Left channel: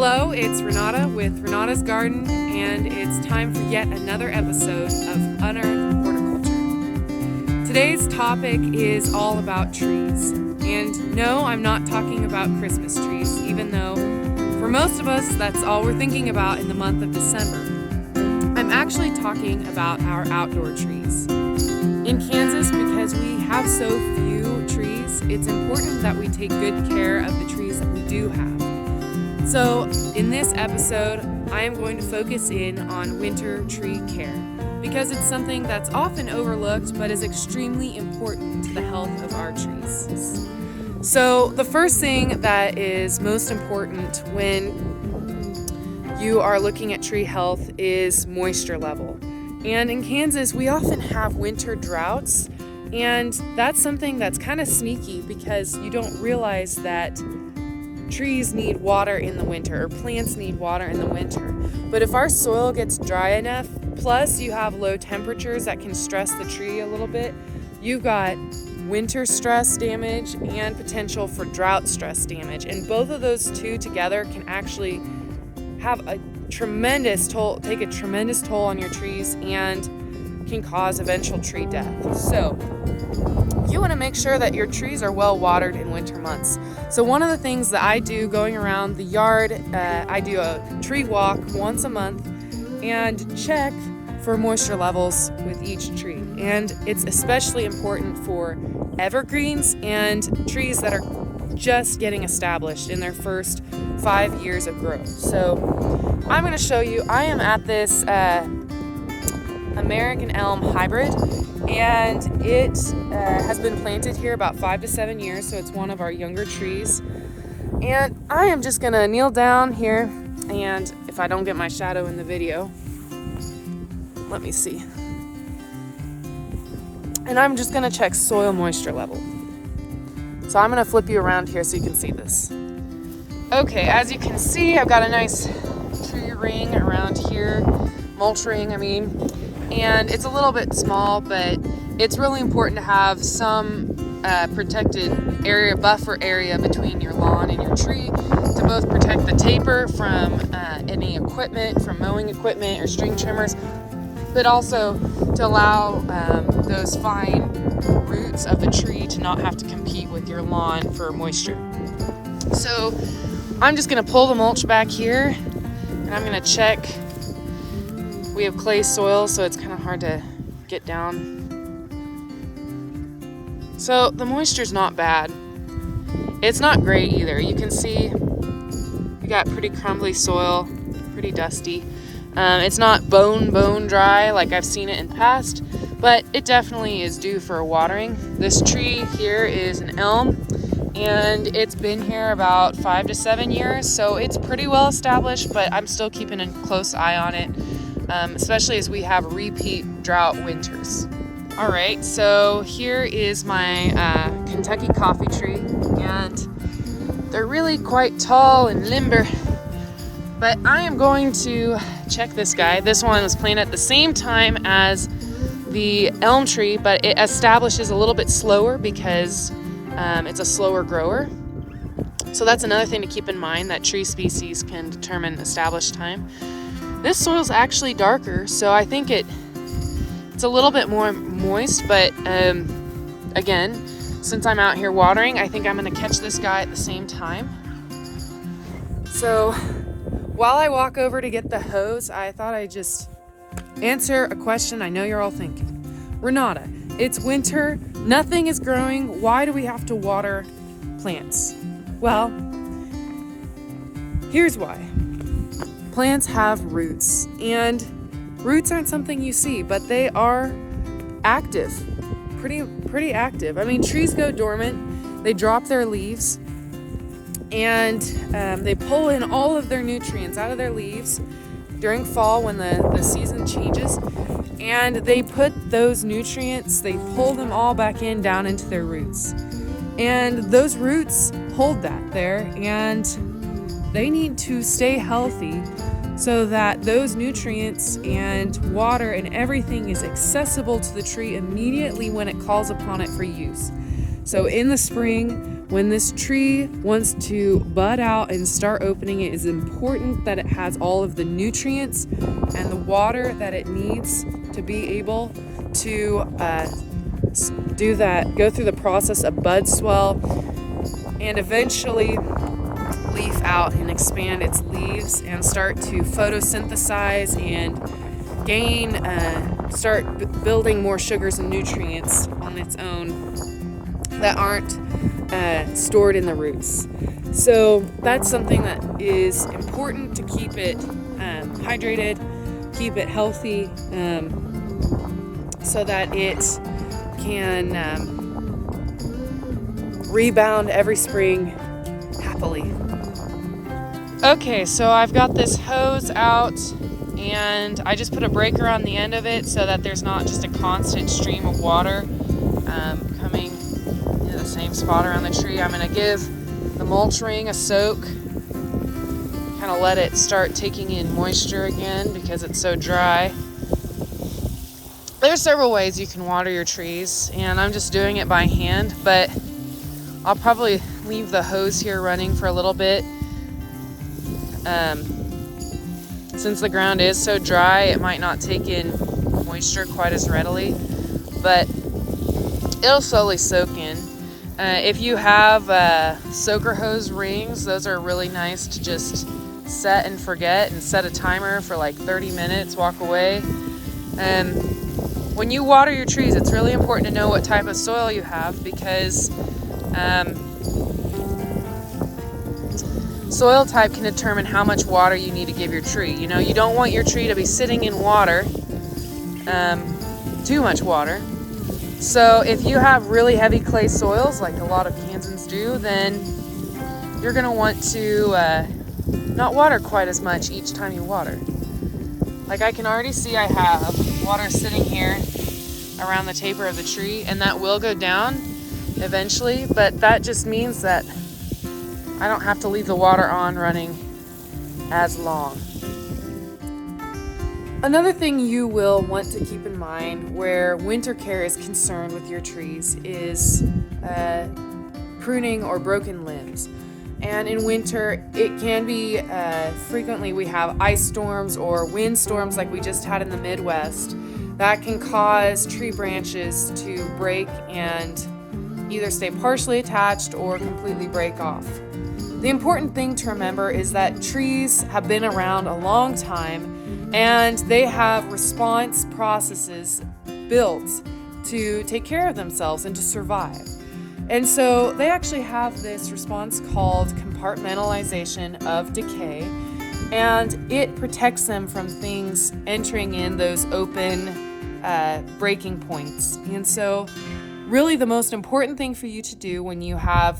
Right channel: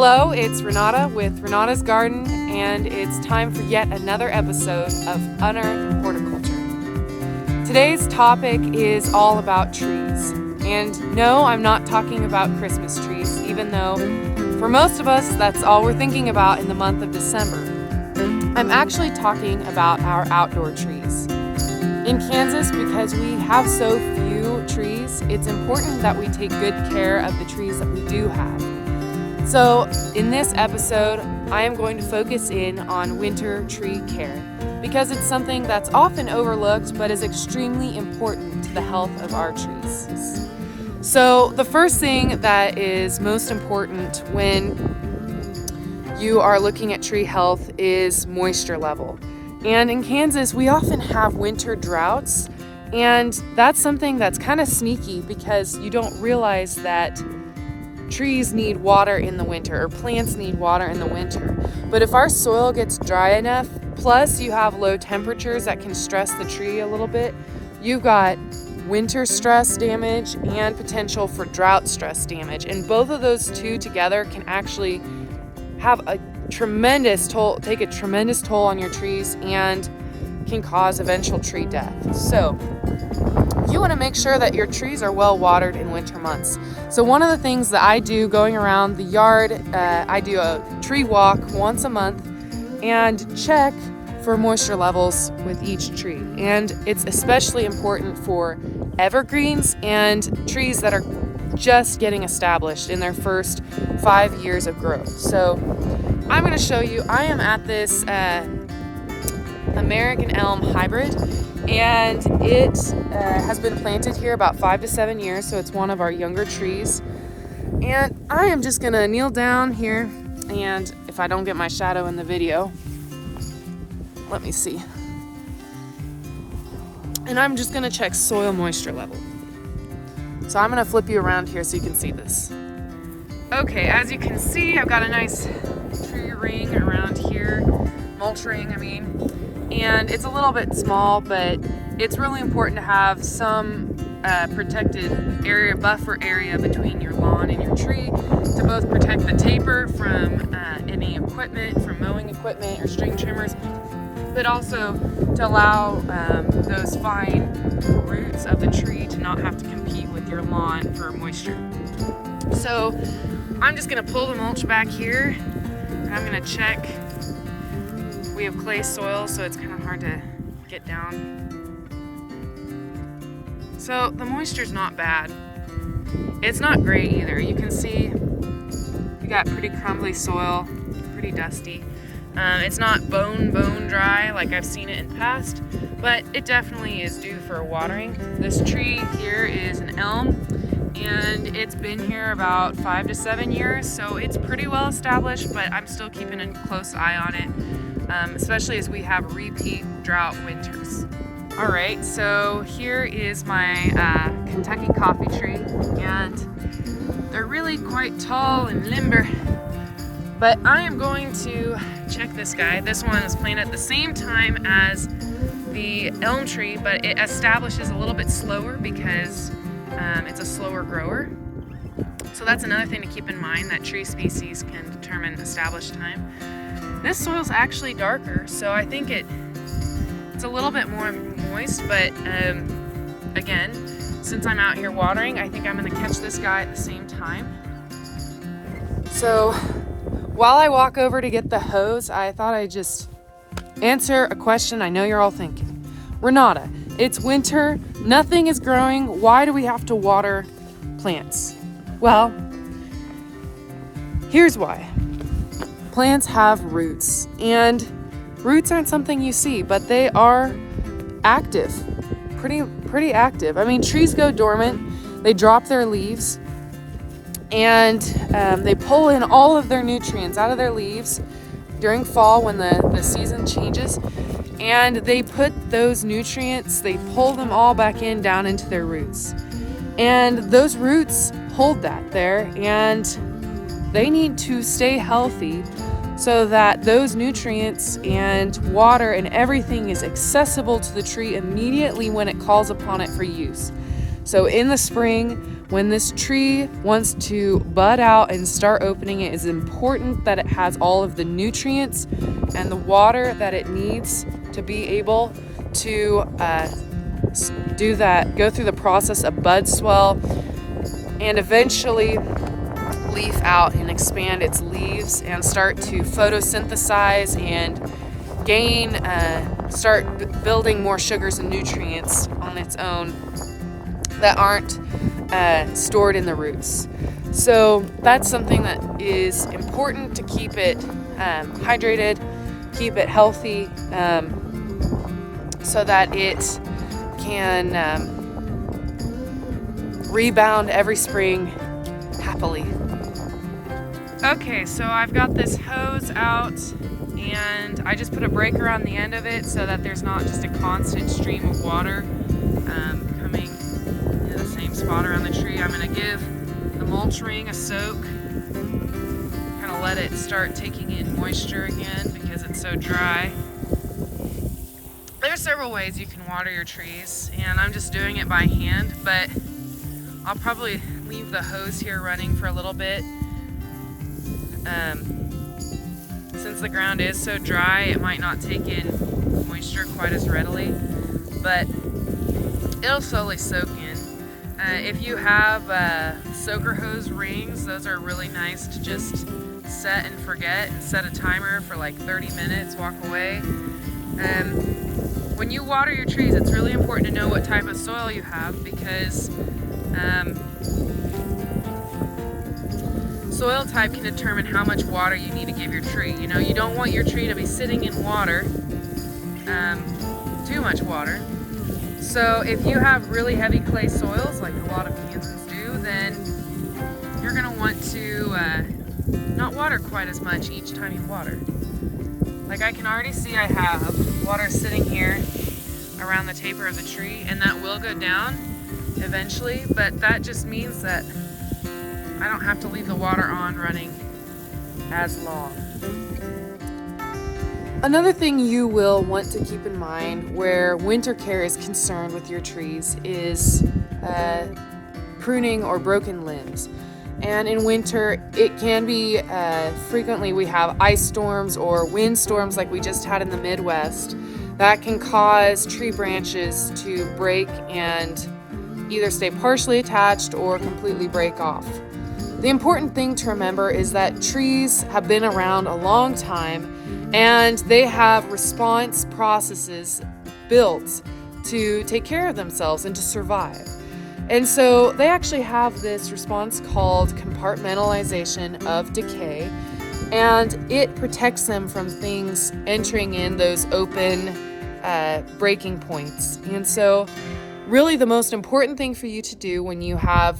Hello, it's Renata with Renata's Garden, and it's time for yet another episode of Unearth Horticulture. Today's topic is all about trees. And no, I'm not talking about Christmas trees, even though for most of us that's all we're thinking about in the month of December. I'm actually talking about our outdoor trees. In Kansas, because we have so few trees, it's important that we take good care of the trees that we do have. So in this episode, I am going to focus in on winter tree care because it's something that's often overlooked but is extremely important to the health of our trees. So the first thing that is most important when you are looking at tree health is moisture level. And in Kansas, we often have winter droughts, and that's something that's kind of sneaky because you don't realize that trees need water in the winter, or plants need water in the winter. But if our soil gets dry enough, plus you have low temperatures that can stress the tree a little bit, you've got winter stress damage and potential for drought stress damage. And both of those two together can actually have a tremendous toll, take a tremendous toll on your trees and can cause eventual tree death. So you want to make sure that your trees are well watered in winter months. So one of the things that I do going around the yard, I do a tree walk once a month and check for moisture levels with each tree. And it's especially important for evergreens and trees that are just getting established in their first 5 years of growth. So I'm going to show you, I am at this American elm hybrid, and it has been planted here about 5 to 7 years, so it's one of our younger trees. And I am just going to kneel down here, and if I don't get my shadow in the video, let me see. And I'm just going to check soil moisture level. So I'm going to flip you around here so you can see this. Okay, as you can see, I've got a nice tree ring around here, mulch ring, and it's a little bit small, but it's really important to have some protected area, buffer area between your lawn and your tree to both protect the taper from any equipment, from mowing equipment or string trimmers, but also to allow those fine roots of the tree to not have to compete with your lawn for moisture. So I'm just going to pull the mulch back here, and I'm going to check. We have clay soil, so it's kind of hard to get down. So the moisture's not bad. It's not great either. You can see we got pretty crumbly soil, pretty dusty. It's not bone dry like I've seen it in the past, but it definitely is due for watering. This tree here is an elm, and it's been here about 5 to 7 years, so it's pretty well established, but I'm still keeping a close eye on it, especially as we have repeat drought winters. All right, so here is my Kentucky coffee tree, and they're really quite tall and limber, but I am going to check this guy. This one was planted at the same time as the elm tree, but it establishes a little bit slower because it's a slower grower. So that's another thing to keep in mind, that tree species can determine established time. This soil's actually darker, so I think it's a little bit more moist, but again, since I'm out here watering, I think I'm gonna catch this guy at the same time. So while I walk over to get the hose, I thought I'd just answer a question I know you're all thinking. Renata, it's winter, nothing is growing, why do we have to water plants? Well, here's why. Plants have roots, and roots aren't something you see, but they are active, pretty active. Trees go dormant, they drop their leaves, and they pull in all of their nutrients out of their leaves during fall when the season changes, and they put those nutrients, they pull them all back in down into their roots. And those roots hold that there, and they need to stay healthy so that those nutrients and water and everything is accessible to the tree immediately when it calls upon it for use. So in the spring, when this tree wants to bud out and start opening, it is important that it has all of the nutrients and the water that it needs to be able to do that, go through the process of bud swell and eventually leaf out and expand its leaves and start to photosynthesize and start building more sugars and nutrients on its own that aren't stored in the roots. So that's something that is important to keep it hydrated, keep it healthy, so that it can rebound every spring happily. Okay, so I've got this hose out and I just put a breaker on the end of it so that there's not just a constant stream of water coming to the same spot around the tree. I'm going to give the mulch ring a soak, kind of let it start taking in moisture again because it's so dry. There's several ways you can water your trees, and I'm just doing it by hand, but I'll probably leave the hose here running for a little bit. Since the ground is so dry, it might not take in moisture quite as readily, but it'll slowly soak in. If you have soaker hose rings, those are really nice to just set and forget and set a timer for like 30 minutes, walk away. And when you water your trees, it's really important to know what type of soil you have, because soil type can determine how much water you need to give your tree. You know, you don't want your tree to be sitting in water, too much water. So if you have really heavy clay soils, like a lot of Kansans do, then you're going to want to not water quite as much each time you water. Like I can already see I have water sitting here around the taper of the tree, and that will go down eventually, but that just means that I don't have to leave the water on running as long. Another thing you will want to keep in mind where winter care is concerned with your trees is pruning or broken limbs. And in winter, it can be frequently we have ice storms or wind storms like we just had in the Midwest that can cause tree branches to break and either stay partially attached or completely break off. The important thing to remember is that trees have been around a long time and they have response processes built to take care of themselves and to survive. And so they actually have this response called compartmentalization of decay, and it protects them from things entering in those open breaking points. And so really the most important thing for you to do when you have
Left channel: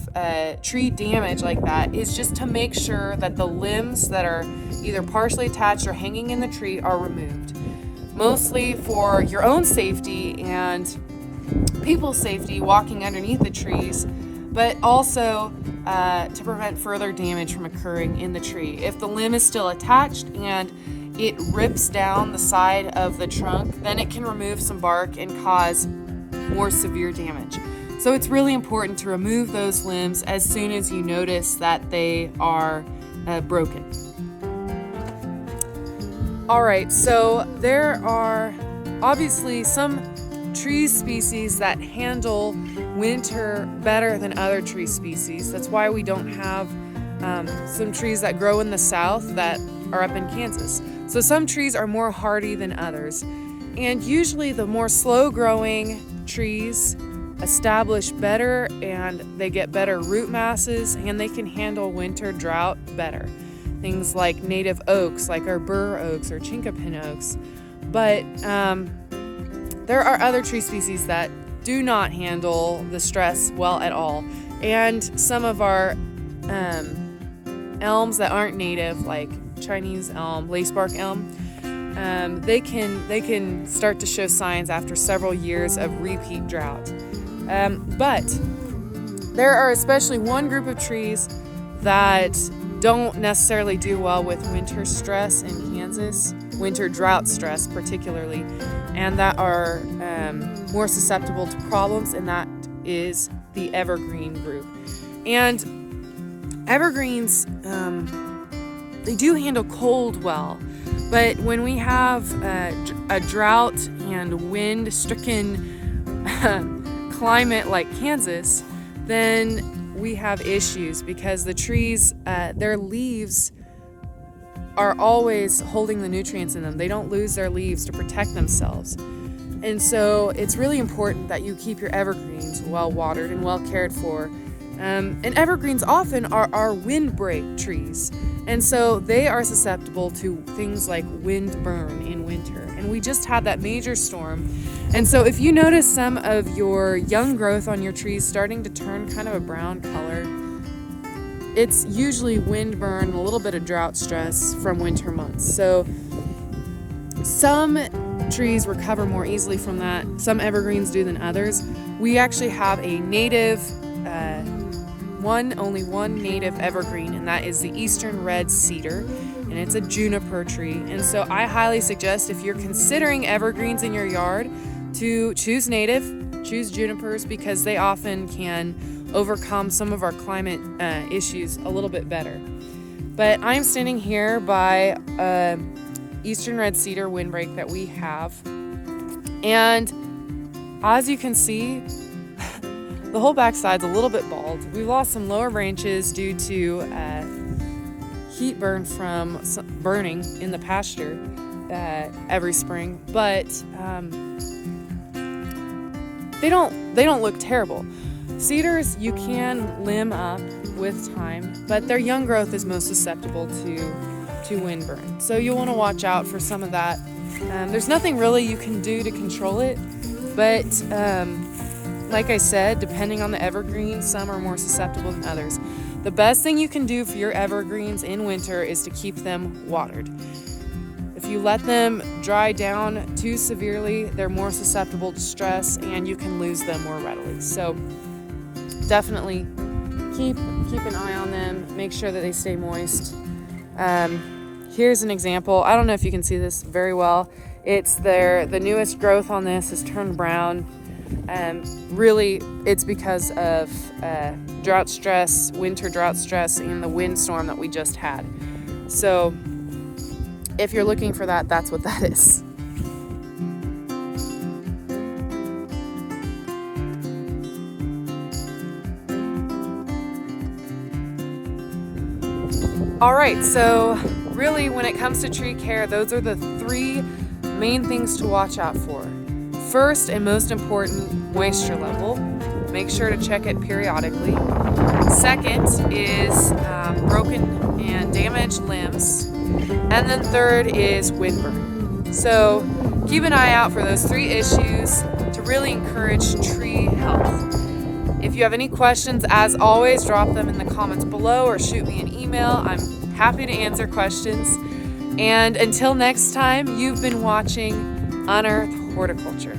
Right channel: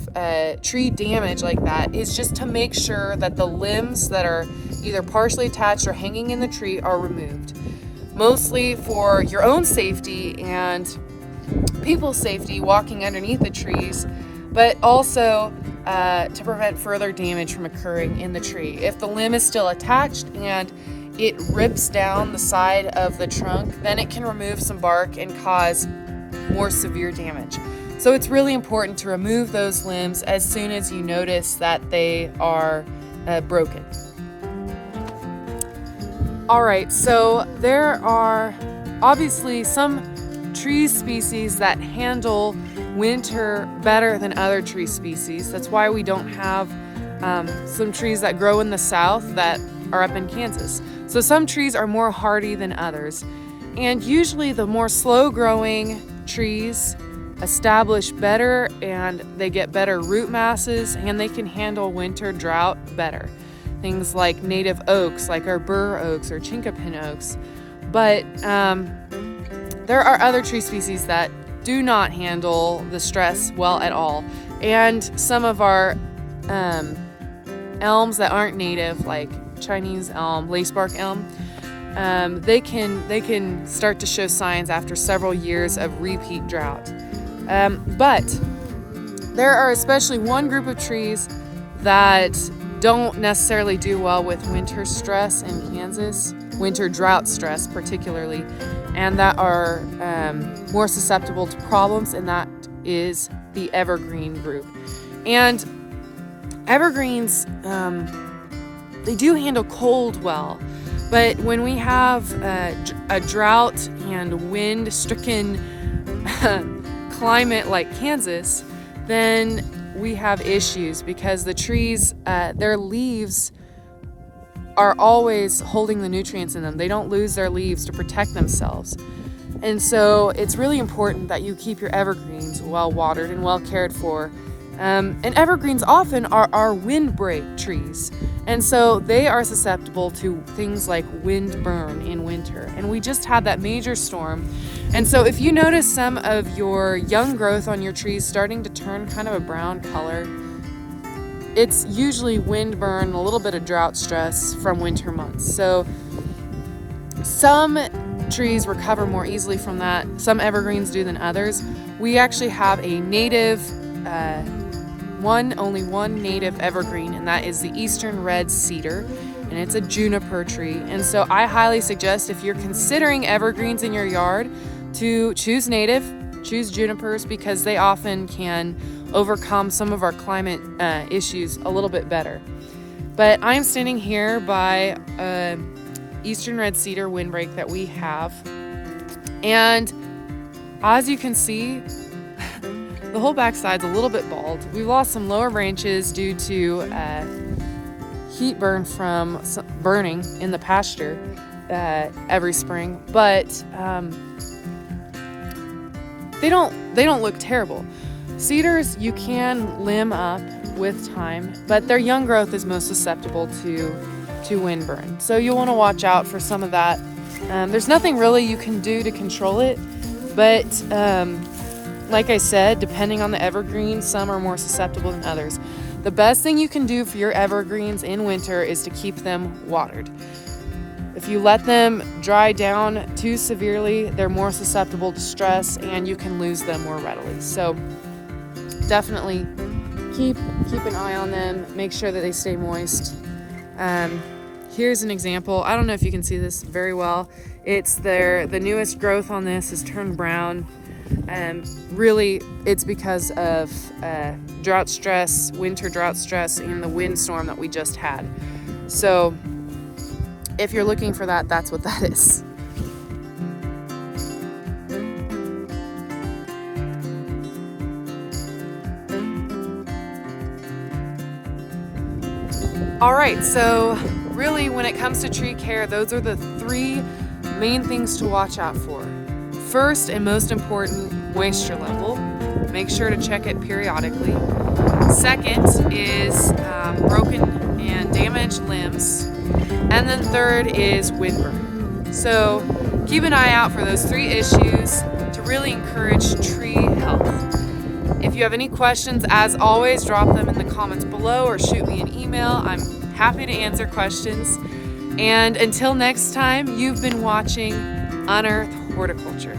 tree damage like that is just to make sure that the limbs that are either partially attached or hanging in the tree are removed. Mostly for your own safety and people's safety walking underneath the trees, but also to prevent further damage from occurring in the tree. If the limb is still attached and it rips down the side of the trunk, then it can remove some bark and cause more severe damage. So it's really important to remove those limbs as soon as you notice that they are broken. All right, so there are obviously some tree species that handle winter better than other tree species. That's why we don't have some trees that grow in the south that are up in Kansas. So some trees are more hardy than others. And usually the more slow growing trees establish better and they get better root masses and they can handle winter drought better. Things like native oaks, like our bur oaks or chinkapin oaks. But there are other tree species that do not handle the stress well at all. And some of our elms that aren't native, like Chinese elm, lacebark elm, they can start to show signs after several years of repeat drought. But there are especially one group of trees that don't necessarily do well with winter stress in Kansas, winter drought stress particularly, and that are more susceptible to problems, and that is the evergreen group. And evergreens, they do handle cold well, but when we have a drought and wind-stricken climate like Kansas, then we have issues because the trees, their leaves are always holding the nutrients in them. They don't lose their leaves to protect themselves. And so it's really important that you keep your evergreens well watered and well cared for. And evergreens often are windbreak trees. And so they are susceptible to things like wind burn in winter. And we just had that major storm. And so if you notice some of your young growth on your trees starting to turn kind of a brown color, it's usually wind burn, a little bit of drought stress from winter months. So some trees recover more easily from that. Some evergreens do than others. We actually have a native, only one native evergreen, and that is the eastern red cedar, and it's a juniper tree. And so I highly suggest, if you're considering evergreens in your yard, to choose native, choose junipers, because they often can overcome some of our climate issues a little bit better. But I'm standing here by eastern red cedar windbreak that we have, and as you can see, the whole backside's a little bit bald. We've lost some lower branches due to heat burn from burning in the pasture every spring, but they don't look terrible. Cedars you can limb up with time, but their young growth is most susceptible to wind burn. So you'll want to watch out for some of that. There's nothing really you can do to control it, but like I said, depending on the evergreen, some are more susceptible than others. The best thing you can do for your evergreens in winter is to keep them watered. If you let them dry down too severely, they're more susceptible to stress and you can lose them more readily. So definitely keep an eye on them, make sure that they stay moist. Here's an example. I don't know if you can see this very well. It's the newest growth on this is turned brown. Really, it's because of drought stress, winter drought stress, and the windstorm that we just had. So if you're looking for that, that's what that is. All right, so really when it comes to tree care, those are the three main things to watch out for. First and most important, moisture level. Make sure to check it periodically. Second is broken and damaged limbs. And then third is wind burn. So keep an eye out for those three issues to really encourage tree health. If you have any questions, as always, drop them in the comments below or shoot me an email. I'm happy to answer questions. And until next time, you've been watching Unearth Horticulture.